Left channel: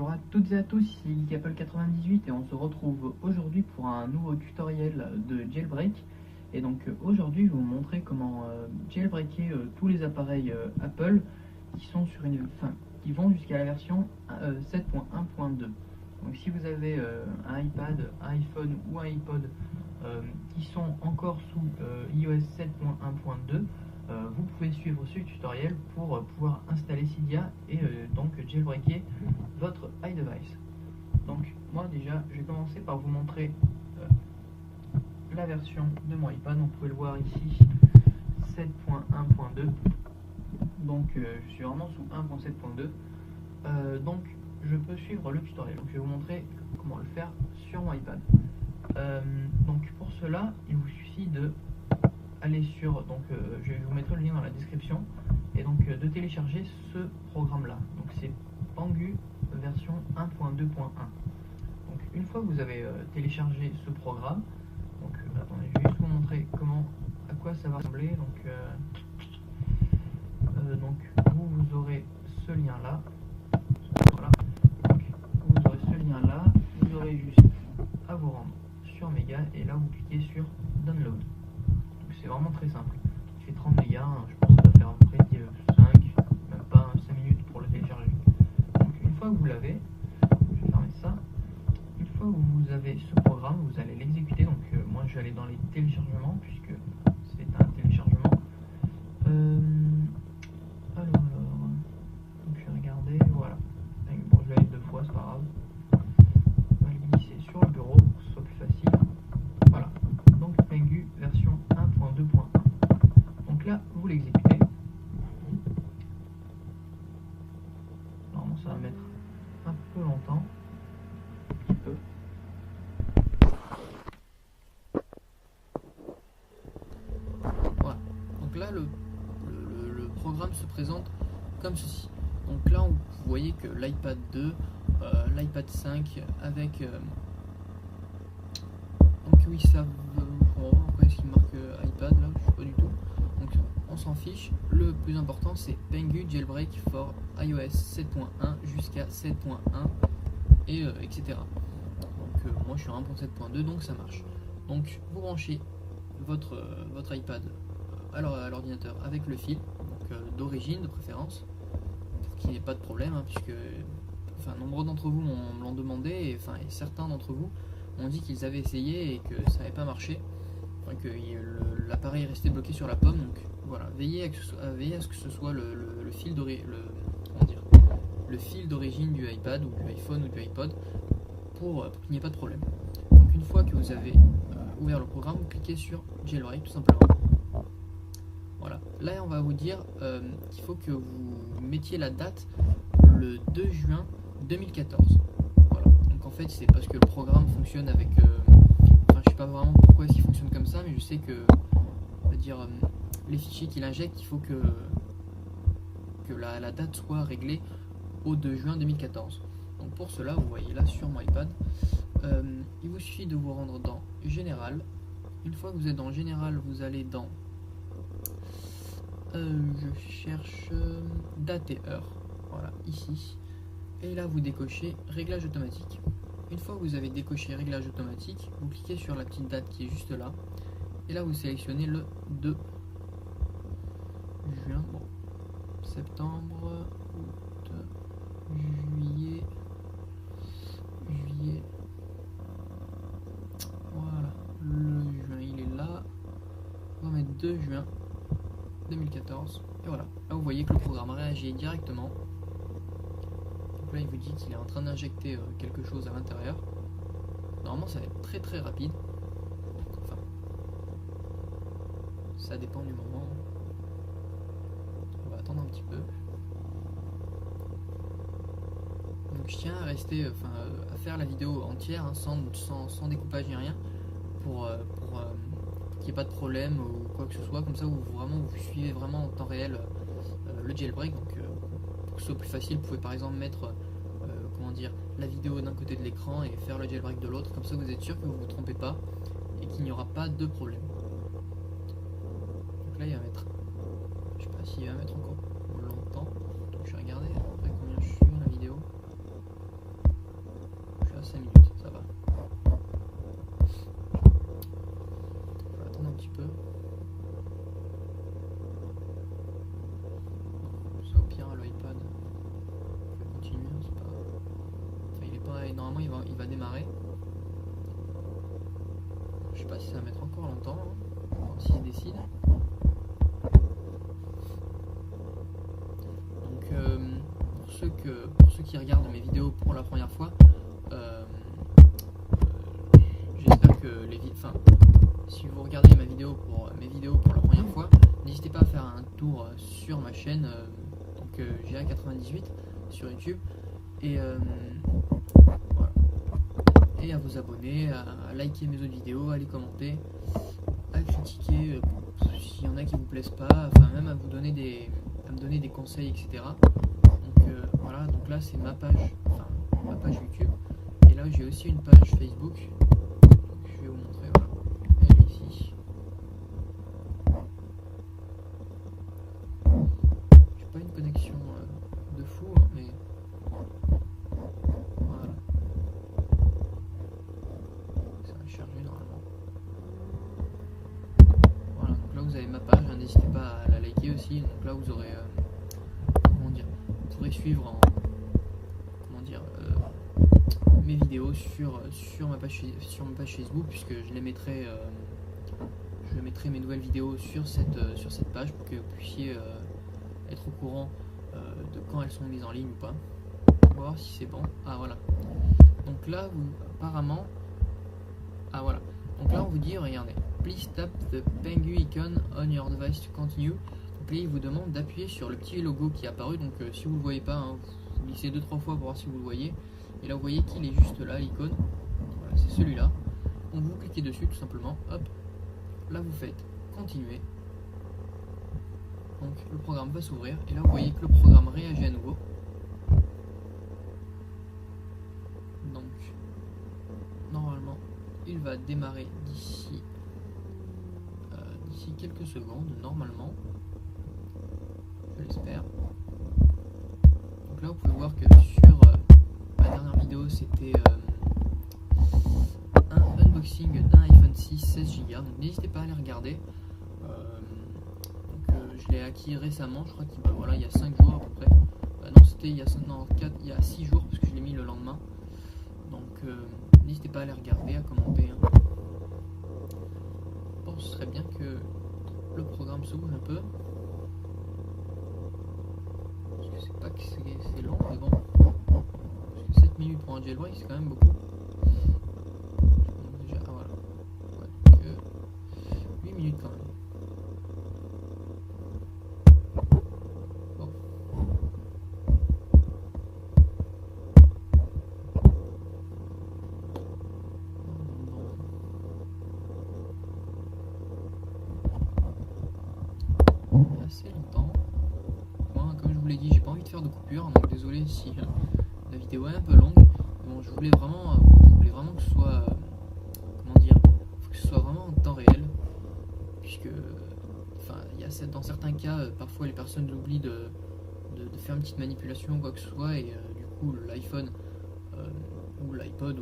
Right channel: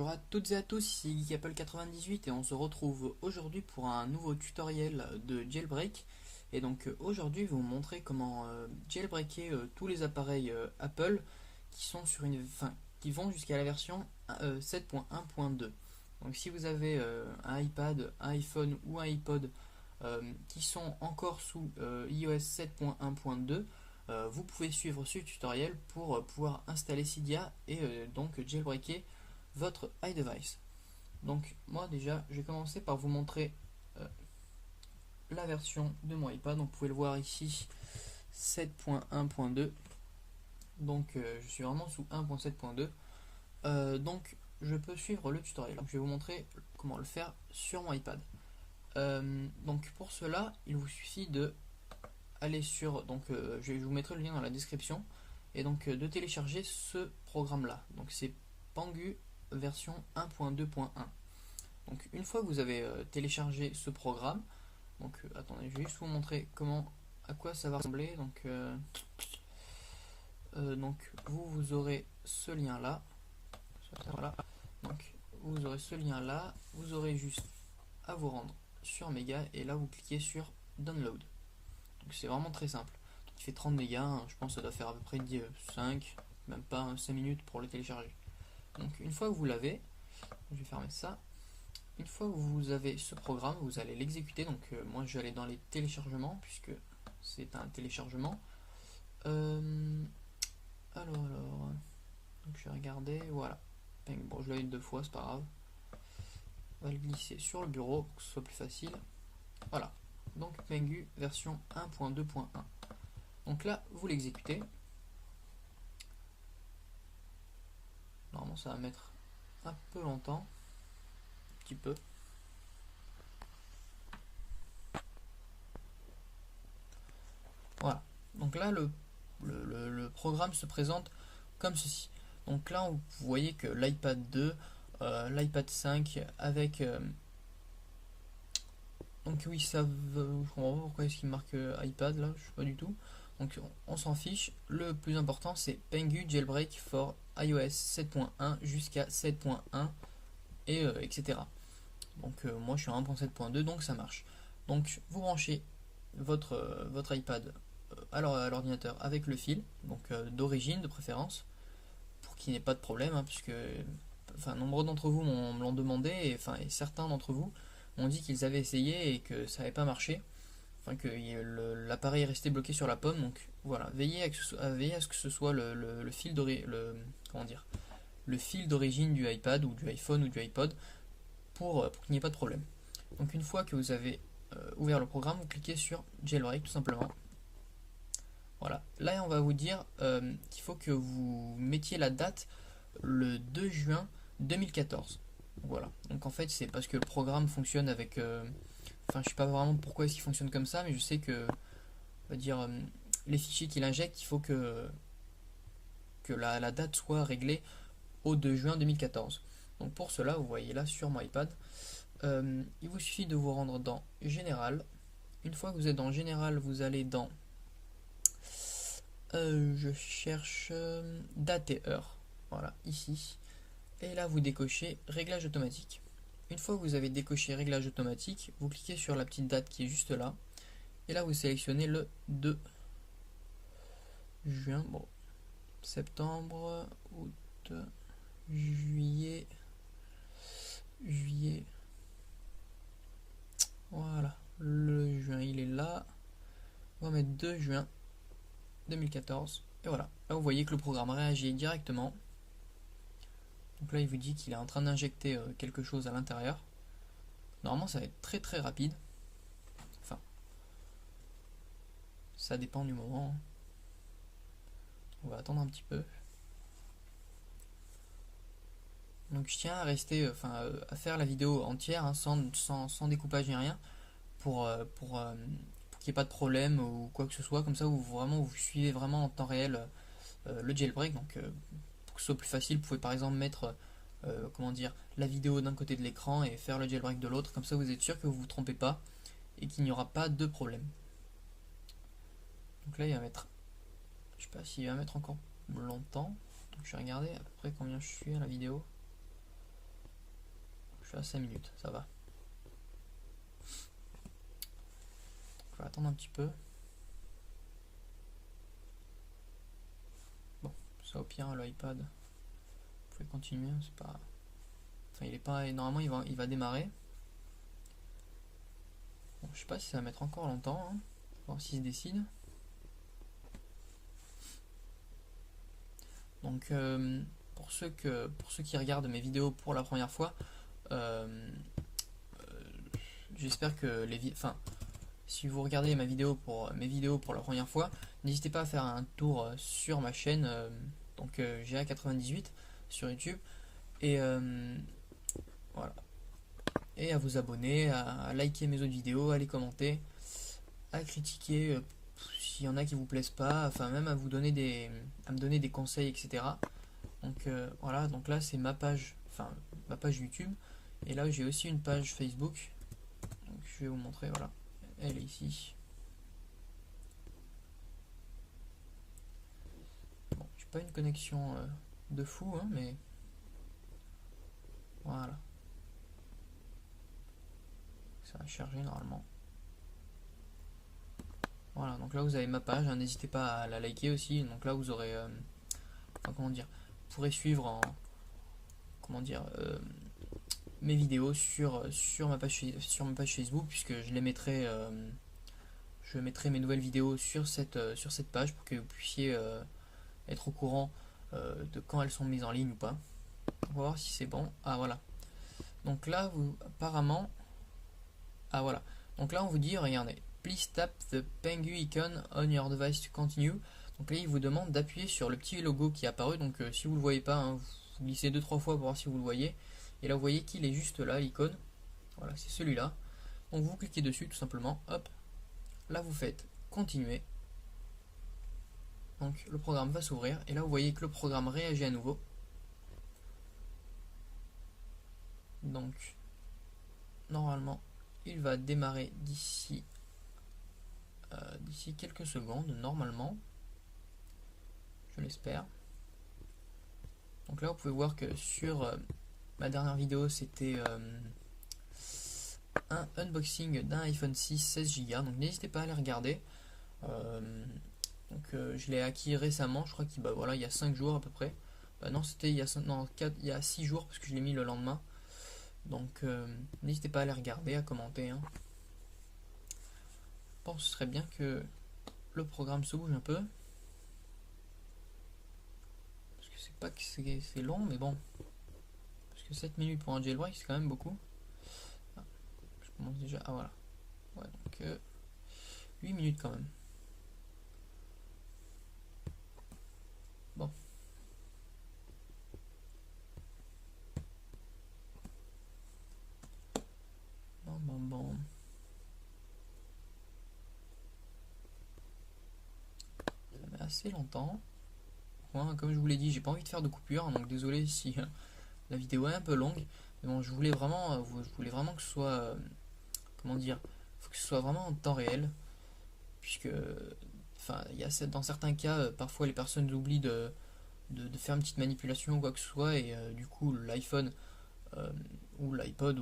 Bonjour à toutes et à tous, ici GeekApple98 et on se retrouve aujourd'hui pour un nouveau tutoriel de jailbreak. Et donc aujourd'hui, je vais vous montrer comment jailbreaker tous les appareils Apple qui sont sur qui vont jusqu'à la version 7.1.2. Donc si vous avez un iPad, un iPhone ou un iPod qui sont encore sous iOS 7.1.2, vous pouvez suivre ce tutoriel pour pouvoir installer Cydia et donc jailbreaker votre iDevice. Donc moi déjà je vais commencer par vous montrer la version de mon iPad. Donc, vous pouvez le voir ici 7.1.2. Donc je suis vraiment sous 1.7.2. Donc je peux suivre le tutoriel. Donc, je vais vous montrer comment le faire sur mon iPad. Donc pour cela il vous suffit de aller sur, je vous mettrai le lien dans la description, et donc de télécharger ce programme là. Donc c'est Pangu version 1.2.1. Donc une fois que vous avez téléchargé ce programme, donc attendez, je vais juste vous montrer à quoi ça va ressembler. Donc vous aurez ce lien là. Voilà. Donc vous aurez ce lien là. Vous aurez juste à vous rendre sur Mega et là vous cliquez sur Download. C'est vraiment très simple. Il fait 30 mégas, je pense que ça doit faire à peu près 5, même pas 5 minutes pour le télécharger. Donc une fois que vous l'avez, je vais fermer ça. Une fois que vous avez ce programme, vous allez l'exécuter. Donc moi je vais aller dans les téléchargements puisque c'est un téléchargement. Donc je vais regarder, voilà. Bon, je vais aller 2 fois, c'est pas grave. On va le glisser sur le bureau pour que ce soit plus facile. Voilà. Donc Pangu version 1.2.1. Donc là, vous l'exécutez. Normalement, ça va mettre un peu longtemps. Un petit peu. Voilà. Donc là, le programme se présente comme ceci. Donc là, vous voyez que l'iPad 2, l'iPad 5 avec... donc oui, ça veut... Pourquoi est-ce qu'il marque iPad là? Je sais pas du tout. Donc on s'en fiche. Le plus important c'est Pangu jailbreak for iOS 7.1 jusqu'à 7.1 et etc. Donc moi je suis à 1.7.2 donc ça marche. Donc vous branchez votre iPad à l'ordinateur avec le fil, donc d'origine de préférence, pour qu'il n'y ait pas de problème, hein, puisque nombreux d'entre vous me l'ont demandé et certains d'entre vous ont dit qu'ils avaient essayé et que ça n'avait pas marché, que l'appareil est resté bloqué sur la pomme. Donc voilà, veillez à ce que ce soit le fil d'origine du iPad ou du iPhone ou du iPod pour qu'il n'y ait pas de problème. Donc une fois que vous avez ouvert le programme, vous cliquez sur jailbreak tout simplement. Voilà, là on va vous dire qu'il faut que vous mettiez la date le 2 juin 2014. Voilà, donc en fait c'est parce que le programme fonctionne avec... je sais pas vraiment pourquoi il fonctionne comme ça, mais je sais que les fichiers qu'il injecte, il faut que la date soit réglée au 2 juin 2014. Donc pour cela, vous voyez là sur mon iPad, il vous suffit de vous rendre dans Général. Une fois que vous êtes dans Général, vous allez dans je cherche date et heure. Voilà, ici. Et là, vous décochez Réglage automatique. Une fois que vous avez décoché Réglage automatique, vous cliquez sur la petite date qui est juste là. Et là, vous sélectionnez le 2 juin. Bon, septembre, août, juillet. Voilà, le juin, il est là. On va mettre 2 juin 2014. Et voilà, là, vous voyez que le programme réagit directement. Donc là il vous dit qu'il est en train d'injecter quelque chose à l'intérieur. Normalement ça va être très très rapide. Enfin, ça dépend du moment. On va attendre un petit peu. Donc je tiens à rester, à faire la vidéo entière, hein, sans découpage ni rien, pour qu'il n'y ait pas de problème ou quoi que ce soit. Comme ça vous suivez vraiment en temps réel le jailbreak. Donc pour que ce soit plus facile, vous pouvez par exemple mettre la vidéo d'un côté de l'écran et faire le jailbreak de l'autre. Comme ça vous êtes sûr que vous ne vous trompez pas et qu'il n'y aura pas de problème. Donc là il va mettre, je sais pas s'il va mettre encore longtemps. Donc je vais regarder après combien je suis à la vidéo. Voilà, 5 minutes, ça va. Je vais attendre un petit peu. Bon, ça au pire, l'iPad, vous pouvez continuer, c'est pas... Enfin, il est pas... Normalement, il va démarrer. Je sais pas si ça va mettre encore longtemps, hein. Alors, s'il se décide. Donc, pour ceux qui regardent mes vidéos pour la première fois, j'espère que si vous regardez mes vidéos pour la première fois, n'hésitez pas à faire un tour sur ma chaîne, GA98 sur YouTube, et voilà. Et à vous abonner, à liker mes autres vidéos, à les commenter, à critiquer s'il y en a qui vous plaisent pas, enfin même à me donner des conseils, etc. Donc voilà, donc là c'est ma page YouTube, et là j'ai aussi une page Facebook. Donc je vais vous montrer, voilà, elle est ici. J'ai pas une connexion de fou, hein, mais voilà, ça va charger normalement. Voilà, donc là vous avez ma page, hein, n'hésitez pas à la liker aussi. Donc là vous aurez vous pourrez suivre mes vidéos sur ma page Facebook, puisque je mettrai mes nouvelles vidéos sur cette page pour que vous puissiez être au courant de quand elles sont mises en ligne ou pas. On va voir si c'est bon. Ah voilà. Donc là apparemment, ah voilà. Donc là on vous dit, regardez, please tap the penguin icon on your device to continue. Donc là il vous demande d'appuyer sur le petit logo qui est apparu. Donc si vous le voyez pas, hein, vous glissez 2-3 fois pour voir si vous le voyez. Et là vous voyez qu'il est juste là, l'icône. Voilà, c'est celui-là. Donc vous cliquez dessus tout simplement. Hop. Là vous faites continuer. Donc le programme va s'ouvrir. Et là vous voyez que le programme réagit à nouveau. Donc normalement il va démarrer d'ici quelques secondes, normalement, je l'espère. Donc là vous pouvez voir que sur ma dernière vidéo c'était un unboxing d'un iPhone 6 16 Go, donc n'hésitez pas à aller regarder. Je l'ai acquis récemment, je crois qu'il il y a 5 jours à peu près. Non, c'était il y a 6 jours, parce que je l'ai mis le lendemain. Donc n'hésitez pas à aller regarder, à commenter, hein. Bon, ce serait bien que le programme se bouge un peu, parce que c'est pas que c'est long, mais bon, parce que 7 minutes pour un jailbreak c'est quand même beaucoup. Je commence déjà, ah voilà, ouais, donc 8 minutes quand même. Bon. Assez longtemps. Moi, comme je vous l'ai dit, j'ai pas envie de faire de coupure, donc désolé si la vidéo est un peu longue. Bon, je voulais vraiment que ce soit, que ce soit vraiment en temps réel, puisque, dans certains cas, parfois les personnes oublient de faire une petite manipulation ou quoi que ce soit, et du coup l'iPhone ou l'iPod,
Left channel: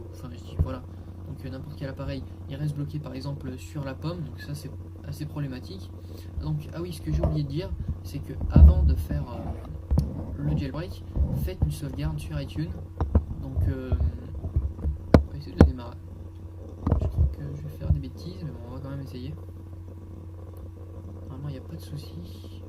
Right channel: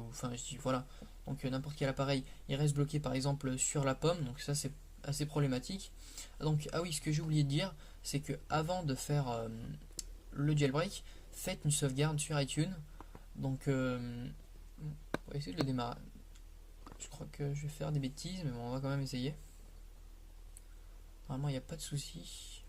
voilà. Donc n'importe quel appareil, il reste bloqué par exemple sur la pomme, donc ça c'est assez problématique. Donc ah oui, ce que j'ai oublié de dire, c'est que avant de faire le jailbreak, faites une sauvegarde sur iTunes. Donc on va essayer de le démarrer. Je crois que je vais faire des bêtises, mais bon, on va quand même essayer. Normalement il n'y a pas de souci.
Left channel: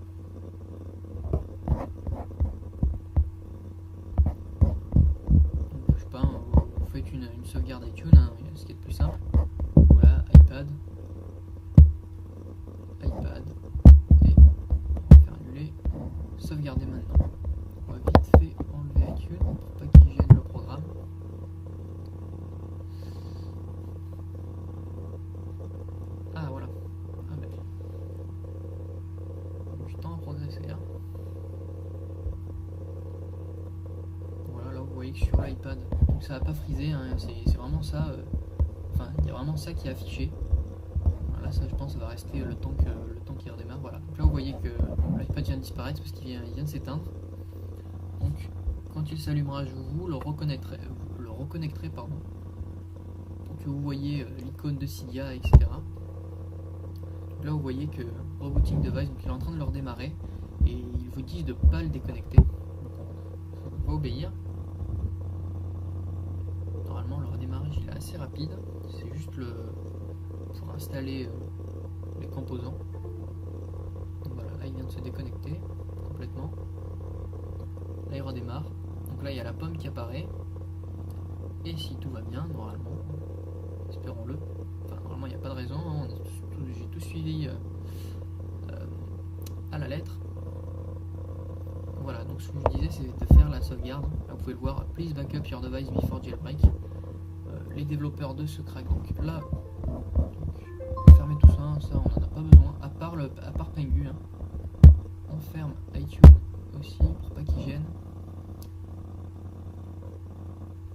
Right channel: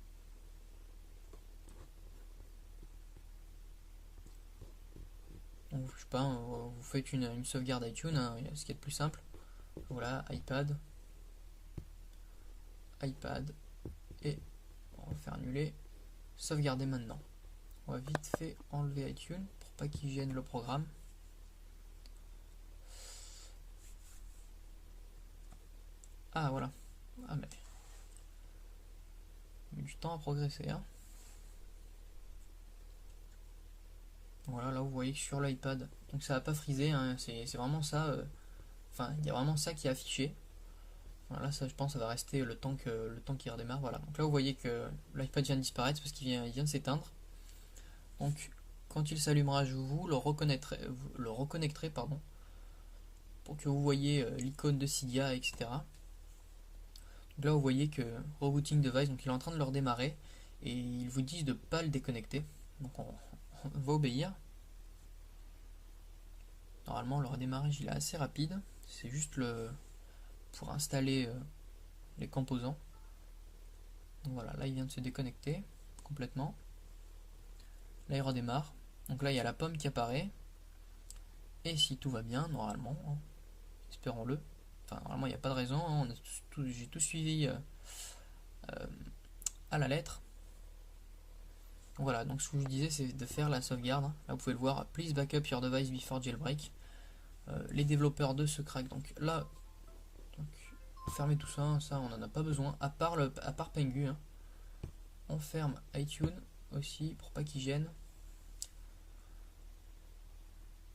Donc je sais pas, vous faites une sauvegarde iTunes, hein, ce qui est le plus simple. Voilà, iPad, et on va faire annuler, sauvegarder maintenant. On va vite fait enlever iTunes pour pas qu'il gêne le programme. Ah voilà, ah ben, il y a du temps à progresser, hein. Voilà, là vous voyez que sur l'iPad, donc ça va pas friser, hein, c'est vraiment ça, il y a vraiment ça qui est affiché. Voilà, ça je pense ça va rester le temps qu'il redémarre. Voilà, donc là vous voyez que l'iPad vient de disparaître parce qu'il vient de s'éteindre. Donc quand il s'allumera, vous le reconnecterez, pardon, pour que vous voyez l'icône de Cydia, etc. Donc là vous voyez que Rebooting Device, donc il est en train de le redémarrer et ils vous disent de ne pas le déconnecter. Donc on va obéir. Normalement le redémarrage il est assez rapide, c'est juste pour installer les composants. Donc voilà, là il vient de se déconnecter complètement. Là il redémarre. Donc là il y a la pomme qui apparaît. Et si tout va bien, normalement, espérons-le. Enfin, normalement il n'y a pas de raison, hein, j'ai tout suivi à la lettre. Donc voilà, donc ce que je disais c'est de faire la sauvegarde. Là vous pouvez le voir, please backup your device before jailbreak. Les développeurs de ce crack, donc là, fermez tout ça, ça on n'en a pas besoin, à part Pengu. Hein. On ferme iTunes aussi pour pas qu'il gêne.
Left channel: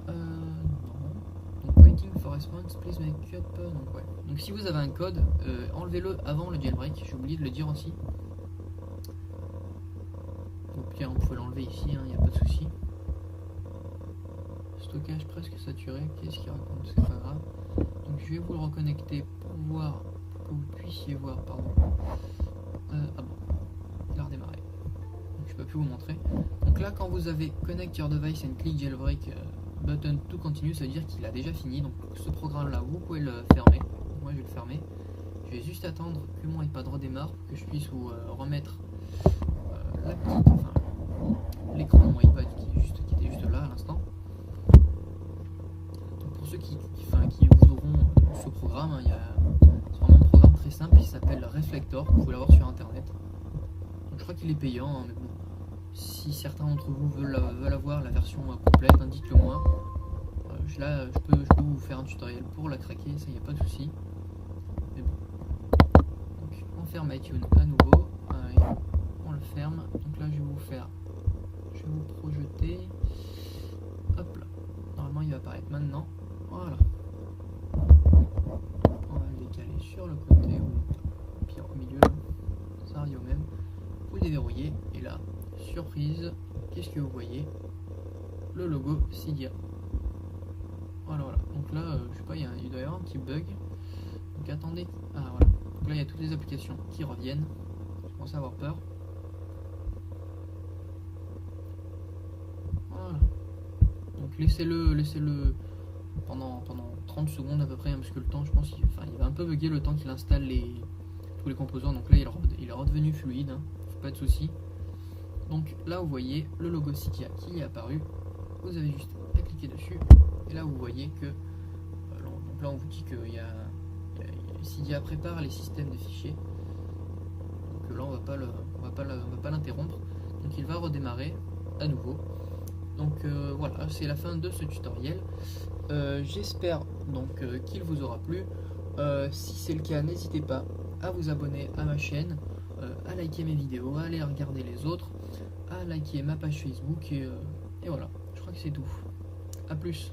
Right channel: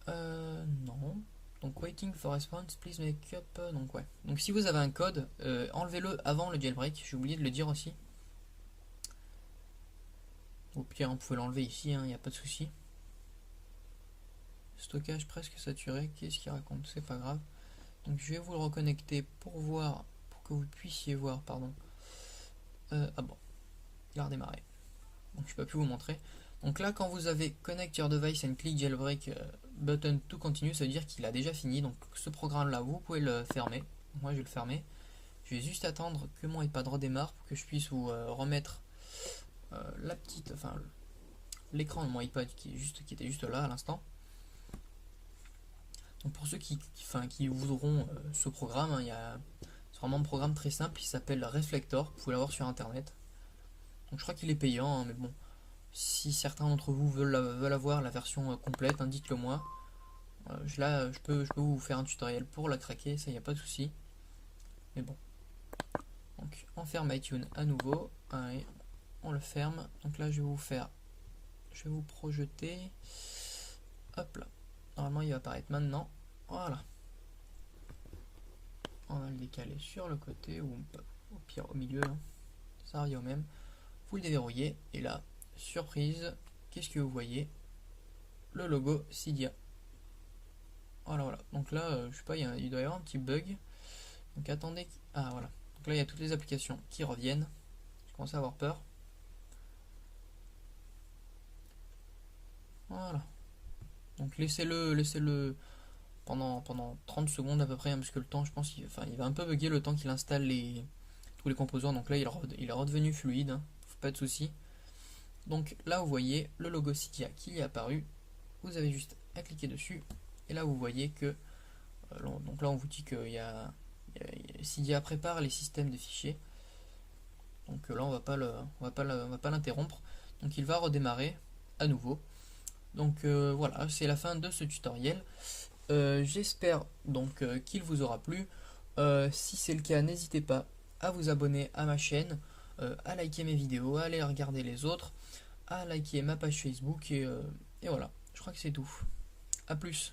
Non. Donc waiting for response, please make up. Donc ouais. Donc si vous avez un code, enlevez-le avant le jailbreak. J'ai oublié de le dire aussi. Donc pire, vous pouvez l'enlever ici, il n'y a pas de souci. Stockage presque saturé. Qu'est-ce qu'il raconte? C'est pas grave. Donc je vais vous le reconnecter pour voir, pour que vous puissiez voir, pardon. Ah bon, il a redémarré. Donc je peux plus vous montrer. Donc là, quand vous avez connect your device and click jailbreak button to continue, ça veut dire qu'il a déjà fini. Donc ce programme là, vous pouvez le fermer. Moi je vais le fermer. Je vais juste attendre que mon iPad redémarre pour que je puisse vous remettre la petite, enfin l'écran de mon iPad qui était juste là à l'instant. Donc pour ceux qui voudront ce programme, hein, c'est vraiment un programme très simple, il s'appelle Reflector, vous pouvez l'avoir sur internet. Donc je crois qu'il est payant, hein, mais bon, si certains d'entre vous veulent avoir la version complète, hein, dites-le moi. Je peux vous faire un tutoriel pour la craquer, ça y a pas de souci. Mais bon. Donc on ferme iTunes à nouveau. Allez, on le ferme. Donc là je vais vous projeter. Hop là. Normalement il va apparaître maintenant. Voilà. On va le décaler sur le côté ou pire au milieu. Ça revient au même. Vous le déverrouillez et là, surprise, qu'est-ce que vous voyez? Le logo Cydia. Voilà. Donc là, je sais pas, il doit y avoir un petit bug. Donc attendez. Ah voilà. Donc là, il y a toutes les applications qui reviennent. Je commence à avoir peur. Voilà. Donc laissez-le pendant 30 secondes à peu près, hein, parce que le temps, je pense, il va un peu bugger le temps qu'il installe tous les composants. Donc là, il est redevenu fluide, hein, pas de souci. Donc là, vous voyez le logo Cydia qui est apparu. Vous avez juste à cliquer dessus. Et là, vous voyez que donc là, on vous dit que Cydia prépare les systèmes de fichiers. Donc là, on va pas l'interrompre. Donc il va redémarrer à nouveau. Donc voilà, c'est la fin de ce tutoriel. J'espère donc qu'il vous aura plu. Si c'est le cas, n'hésitez pas à vous abonner à ma chaîne, à liker mes vidéos, à aller regarder les autres, à liker ma page Facebook et voilà, je crois que c'est tout. A plus.